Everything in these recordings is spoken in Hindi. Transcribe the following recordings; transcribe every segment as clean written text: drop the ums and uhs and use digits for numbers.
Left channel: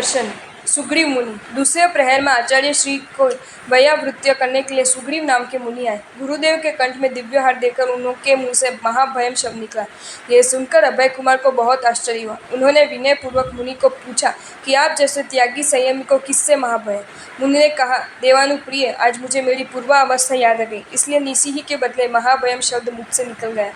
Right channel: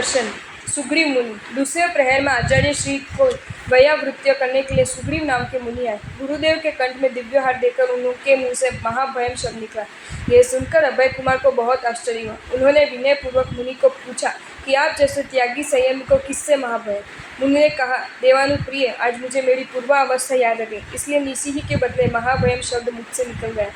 दर्शन। सुग्रीव मुनि। दूसरे प्रहर में आचार्य श्री को वयावृत्य करने के लिए सुग्रीव नाम के मुनि आए। गुरुदेव के कंठ में दिव्य हार देखकर उनके मुंह से महाभयम शब्द निकला। यह सुनकर अभय कुमार को बहुत आश्चर्य हुआ। उन्होंने विनय पूर्वक मुनि को पूछा कि आप जैसे त्यागी संयमी को किससे महाभय? मुनि ने कहा, देवानुप्रिय, आज मुझे मेरी पूर्वावस्था याद आ गई, इसलिए निसी ही के बदले महाभयम शब्द मुख से निकल गया।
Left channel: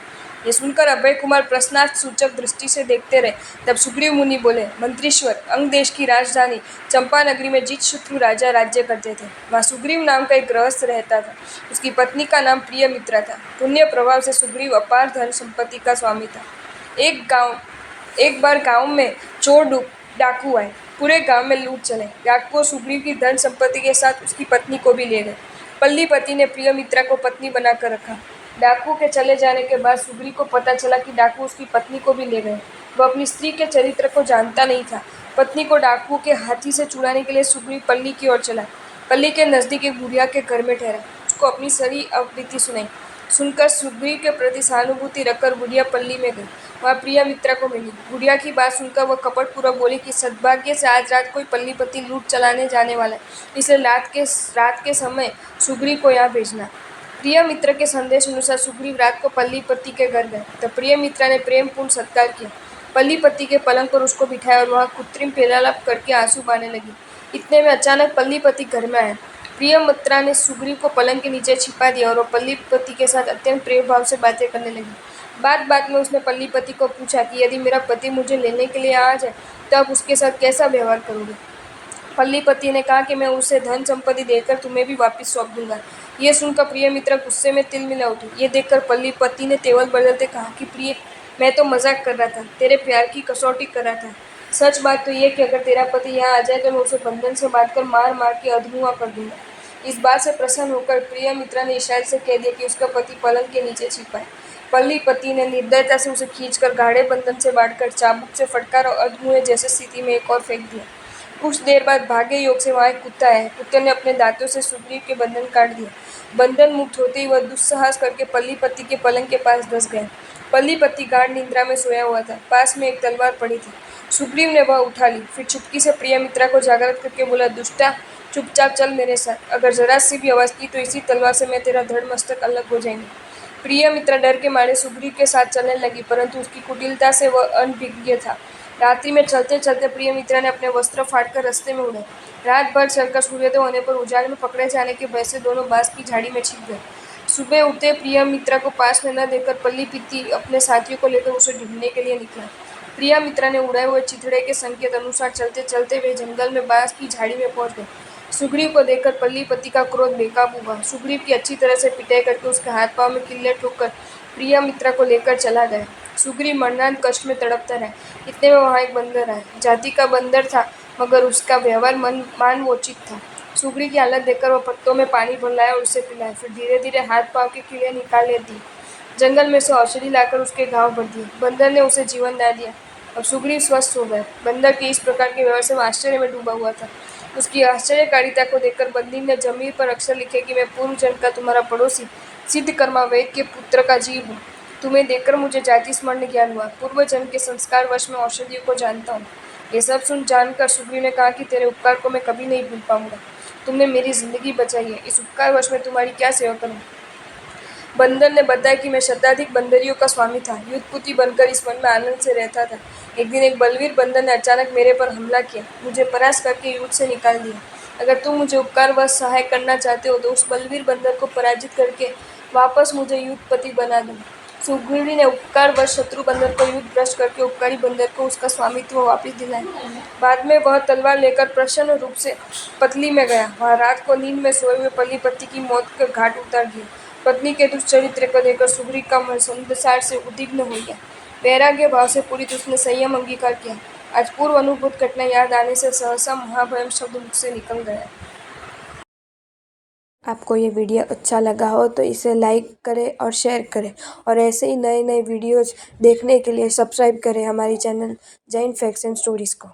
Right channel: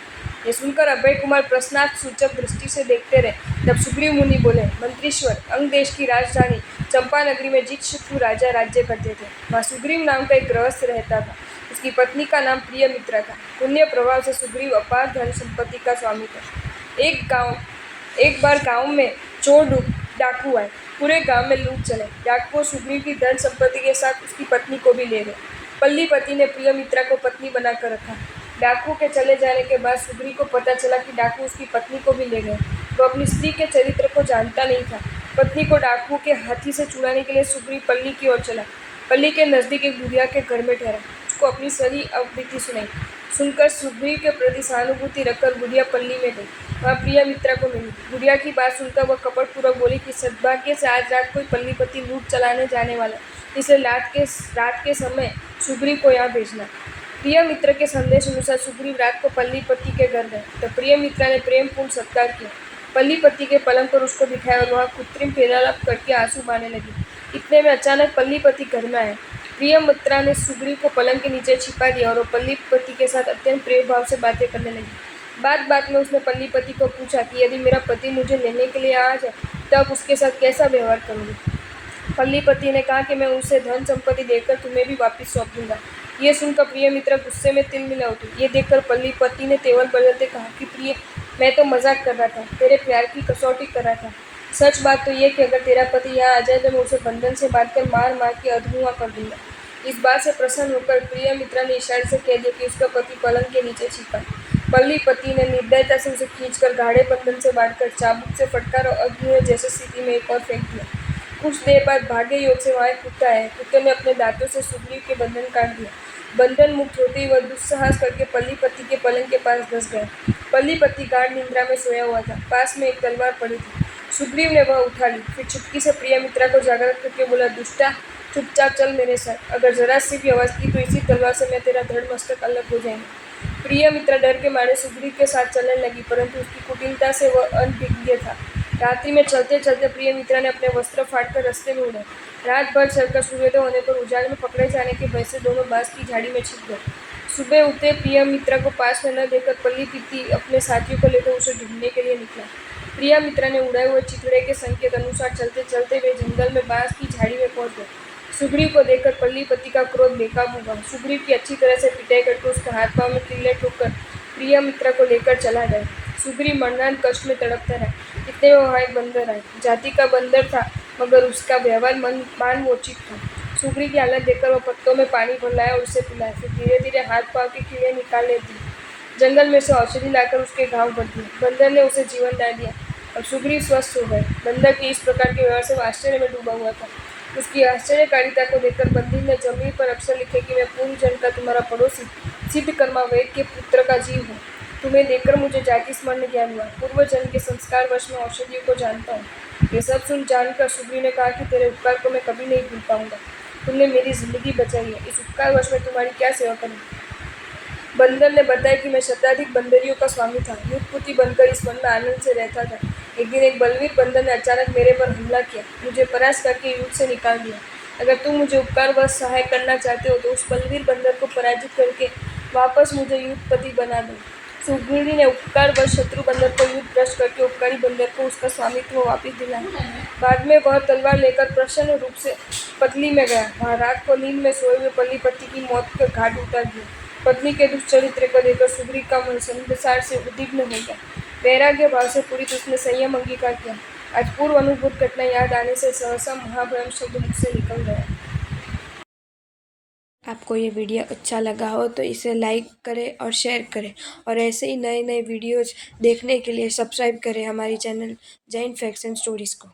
ये सुनकर अभय कुमार प्रश्नार्थ सूचक दृष्टि से देखते रहे। तब सुग्रीव मुनि बोले, मंत्रीश्वर, अंग देश की राजधानी चंपा नगरी में जित शत्रु राजा राज्य करते थे। वहाँ सुग्रीव नाम का एक गृहस्थ रहता था। उसकी पत्नी का नाम प्रियमित्रा था। पुण्य प्रभाव से सुग्रीव अपार धन संपत्ति का स्वामी था। एक बार गांव में चोर डाकू आए। पूरे गांव में लूट चले। डाकुओं सुग्रीव की धन संपत्ति के साथ उसकी पत्नी को भी ले गए। पल्लीपति ने प्रियमित्रा को पत्नी बनाकर रखा। डाकू के चले जाने के बाद सुग्रीव को पता चला कि डाकू उसकी पत्नी को भी ले गए। वह अपनी स्त्री के चरित्र को जानता नहीं था। पत्नी को डाकू के हाथी से छुड़ाने के लिए सुग्रीव पल्ली की ओर चला। पल्ली के नजदीक एक बुढ़िया के घर में ठहरा। उसको अपनी सारी अवधि सुनाई। सुनकर सुग्रीव के प्रति सहानुभूति रखकर बुढ़िया पल्ली में गई। वहाँ प्रियमित्रा को मिली। बुढ़िया की बात सुनकर वह कपटपूर्वक बोली कि सद्भाग्य से आज रात कोई पल्लीपति लूट चलाने जाने वाला है, इसलिए रात के समय सुग्रीव को यहाँ भेजना। प्रियमित्रा के संदेश अनुसार सुग्रीव रात को पल्लीपति के घर गए। तब प्रियमित्रा ने प्रेमपूर्ण सत्कार किया। पल्लीपति के पलंग पर उसको बिठाया और वह कृत्रिम पेरालाप करके आंसू बहाने लगी। इतने में अचानक पल्लीपति घर में आए। प्रियमित्रा ने सुग्रीव को पलंग के नीचे छिपा दिया और पल्लीपति के साथ अत्यंत प्रेम भाव से बातें करने लगी। बात में उसने पल्लीपति को पूछा कि यदि मेरा पति मुझे लेने के लिए आ जाए तो आप उसके साथ कैसा व्यवहार करोगे? पल्लीपति ने कहा कि मैं उसे धन संपत्ति देकर तुम्हें भी वापस सौंप दूंगा। ये सुनकर प्रियमित्रा गुस्से में तिलमिला उठी। ये देखकर पल्लीपति ने तेवर बदलते कहा कि प्रिय, मैं तो मजाक कर रहा था, तेरे प्यार की कसौटी कर रहा था। सच बात तो ये कि अगर तेरा पति यहाँ आ जाए तो मैं उसे बंधन से बांधकर मार के अधमुआ कर दूंगा। इस बात से प्रसन्न होकर प्रियमित्रा ने इशारे से कह दिया कि उसका पति पलंग के नीचे छिपा है। पल्लीपति ने निर्दयता से उसे खींचकर गाढ़े बंधन से बांधकर चाबुक से फटकार और अधमुए जैसी स्थिति में एक और फेंक दिया। कुछ देर बाद भाग्य योग से वहाँ एक कुत्ता आया। कुत्ते ने अपने दांतों से सुग्रीव के बंधन काट दिया। बंधन मुक्त होते ही वह दुस्साहस करके पल्लीपति के पलंग के पास धंस गया। पल्लीपति गाढ़ निद्रा में सोया हुआ था। पास में एक तलवार पड़ी थी। सुग्रीव ने वह उठा ली। फिर चुपकी से प्रियमित्रा को जागृत करके बोला, दुष्टा, चुपचाप चल मेरे साथ। अगर जरा सी भी आवाज़ की तो इसी तलवार से मैं तेरा धड़ मस्तक अलग हो जाएंगे। प्रियमित्रा डर के मारे सुग्रीव के साथ चलने लगी, परंतु उसकी कुटिलता से वह अनभिज्ञ था। रात्रि में चलते चलते प्रियमित्रा ने अपने वस्त्र फाड़कर रास्ते में उड़ाए। रात भर चलकर सूर्योदय होने पर उजाड़ में पकड़े जाने के भय से दोनों बांस की झाड़ी में छिप गए। सुबह उठते प्रियमित्रा को पास में न देखकर पल्लीपति अपने साथियों को लेकर उसे ढूंढने के लिए निकला। प्रियमित्रा ने उड़ाए हुए चिथड़े के संकेत अनुसार चलते चलते वे जंगल में बांस की झाड़ी में पहुंच गए। सुग्रीव को देखकर पल्लीपति का क्रोध बेकाबू हुआ। सुग्रीव की अच्छी तरह से पिटाई करके उसके हाथ पांव में किल्ले ठोककर प्रियमित्रा को लेकर चला गया। सुग्रीव मरणांत कष्ट में तड़पता रहा। इतने में वहाँ एक बंदर आया। जाति का बंदर था, मगर उसका व्यवहार मानवोचित था। सुग्रीव की हालत देखकर वह पत्तों में पानी भर लाया और उसे पिलाया। फिर धीरे धीरे हाथ पांव के कीड़े निकाल लेती। जंगल में से औषधि लाकर उसके घाव भर दिए। बंदर ने उसे जीवन दान दिया और सुग्रीव स्वस्थ हो गए। बंदर के इस प्रकार के व्यवहार से वह आश्चर्य में डूबा हुआ था। उसकी आश्चर्यकारिता को देखकर बंदी ने जमीन पर अक्षर लिखे कि मैं पूर्व जन्म का तुम्हारा पड़ोसी सिद्धकर्मा वैद्य के पुत्र का जीव हूँ। तुम्हें देखकर मुझे जाति स्मरण ज्ञान हुआ। पूर्व जन्म के संस्कार वश में औषधियों को जानता हूँ। ये सब सुन जानकर सुग्रीव ने कहा कि तेरे उपकार को मैं कभी नहीं भूल पाऊंगा। तुमने मेरी जिंदगी बचाई है, इस उपकार वश में तुम्हारी क्या सेवा करूँ? बंदर ने बताया कि मैं शताधिक बंदरियों का स्वामी था, युद्धपुती बनकर इस वन में आनंद से रहता था। एक दिन एक बलवीर बंदर ने अचानक मेरे पर हमला किया, मुझे परास्त करके युद्ध से निकाल दिया। अगर तुम मुझे उपकारवश सहाय करना चाहते हो तो उस बलवीर बंदर को पराजित करके वापस मुझे युद्धपति बना दो। सुग्रीव ने उपकारवश शत्रु बंदर को युद्ध भ्रष्ट करके उपकारी बंदर को उसका स्वामित्व वापस दिलाया। बाद में वह तलवार लेकर प्रसन्न रूप से पतली में गया। वहाँ रात को नींद में सोए हुए पल्लीपति की मौत के घाट उतार दिए। पत्नी के दुष्चरित्र को देखकर सुग्रीव का मन संसार से उद्विग्न हो गया। वैराग्य भाव से पूरित उसने संयम अंगीकार किया। आज पूर्व अनुभूत घटना याद आने से सहसा महाभयम शब्द मुख से निकल गया। आपको ये वीडियो अच्छा लगा हो तो इसे लाइक करें और शेयर करें, और ऐसे ही नए नए वीडियोज़ देखने के लिए सब्सक्राइब करें हमारी channel Jain facts and stories को।